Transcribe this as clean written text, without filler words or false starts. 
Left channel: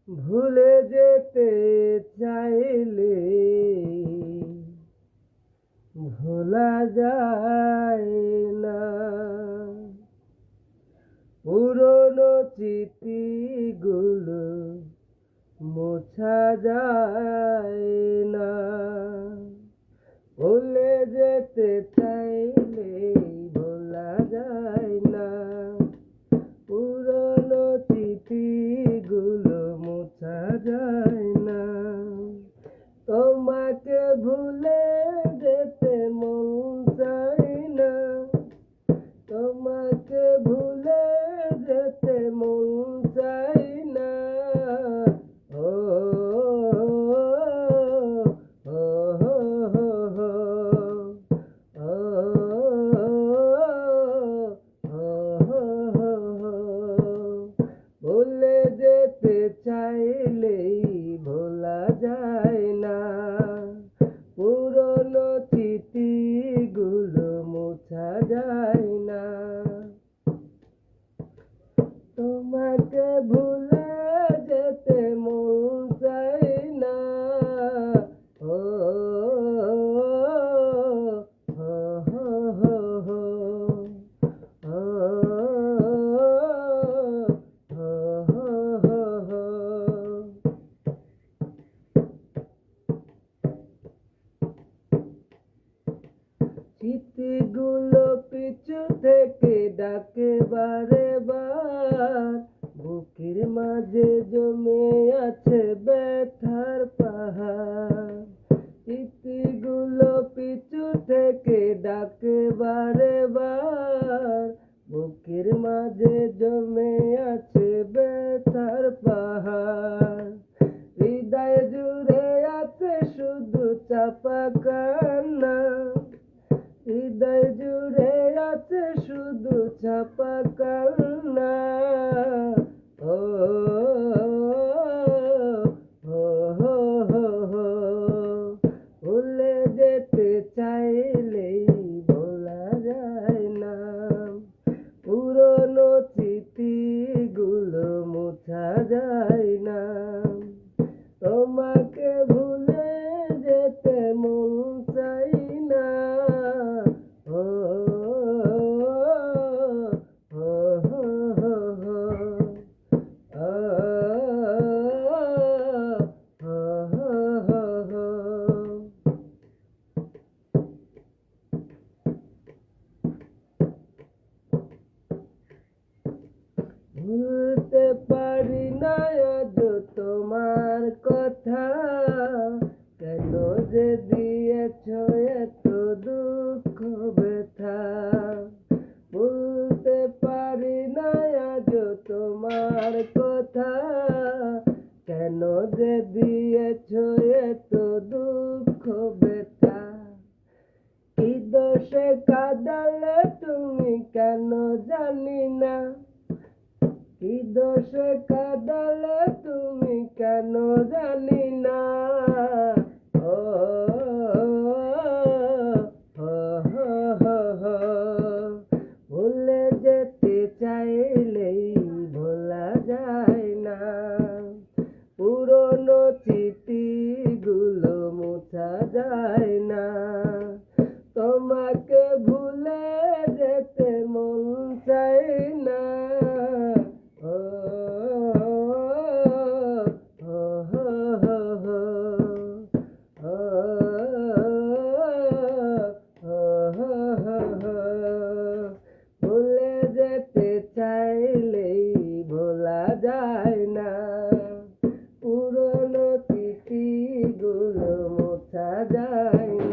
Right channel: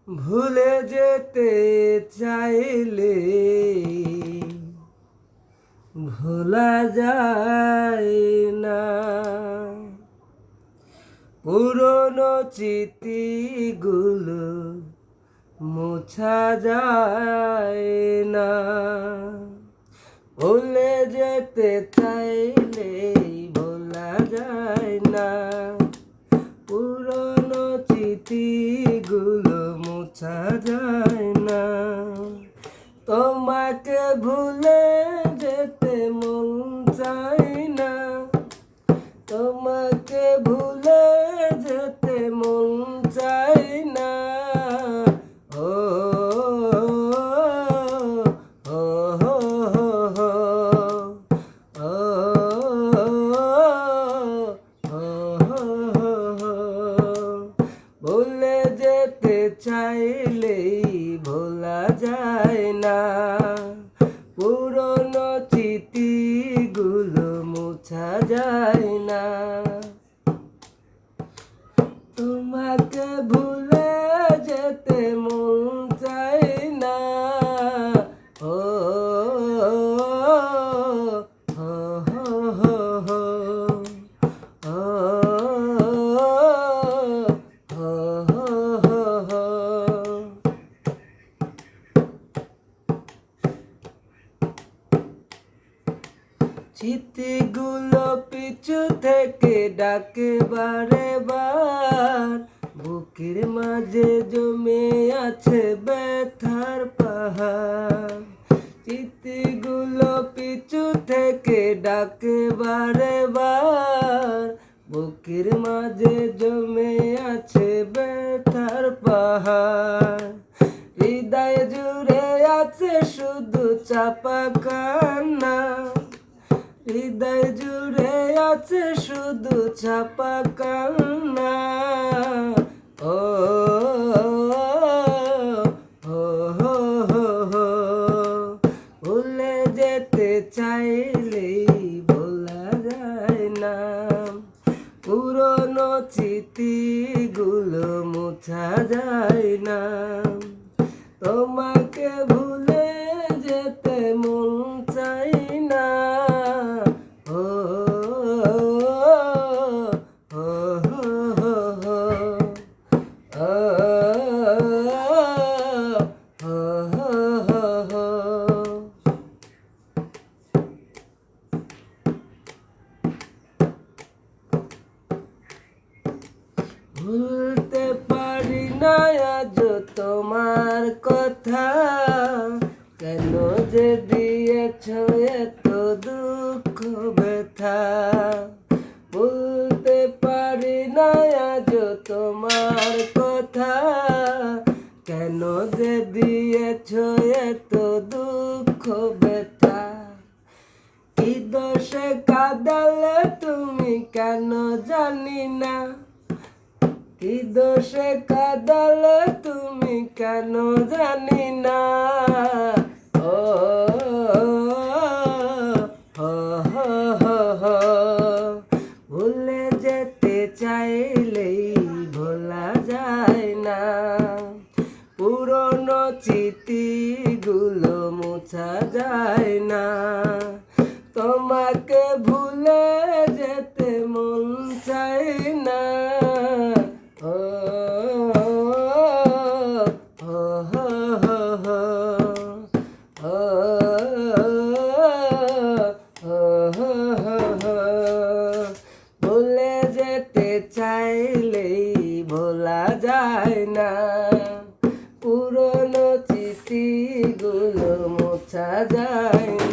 ভুলে যেতে চাইলে ভোলা যায় না। পুরনো স্মৃতিগুলো মোছা যায় না। ভুলে যেতে চাইলে ভোলা যায় না। পুরনো স্মৃতিগুলো মোছা যায় না। তোমাকে ভুলে যেতে মন চায় না। তোমাকে ভুলে যেতে মন চায় না। ও ও ভুলে যেতে চাইলেই ভোলা যায় না। পুরনো স্মৃতিগুলো মোছা যায় না। তোমাকে ভুলে যেতে মন চায় না। ও হো হো হো হো স্মৃতিগুলো পিছু থেকে ডাকে বারে বার। বুকের মাঝে জমে আছে ব্যথার পাহাড়। স্মৃতিগুলো পিছু থেকে ডাকে বারে বার। বুকের মাঝে জমে আছে ব্যথার পাহাড়। হৃদয় জুড়ে আছে শুধু চাপা কান্না। হৃদয় জুড়ে আছে শুধু চাপা কান্না। ও হো হো হো হো ভুলে যেতে চাইলেই ভোলা যায় না। পুরনো স্মৃতিগুলো মোছা যায় না। তোমাকে ভুলে যেতে মন চাই না। ও হো হো হো হো ভুলতে পারি না আজ তোমার কথা। কেন যে দিয়েছ এত দুঃখ ব্যথা। ভুলতে পারি না আজ তোমার কথা। কেন যে দিয়েছ এত দুঃখ ব্যথা। কি দোষে কাঁদালে তুমি কেন জানি না। কি দোষে কাঁদালে তুমি কেন জানি না। ও হো হো হো হো ভুলে যেতে চাইলেই ভোলা যায় না। পুরনো স্মৃতিগুলো মোছা যায় না। তোমাকে ভুলে যেতে মন চায় না। ও হো হো হো হো ভুলে যেতে চাইলেই ভোলা যায় না। পুরনো স্মৃতিগুলো মোছা যায়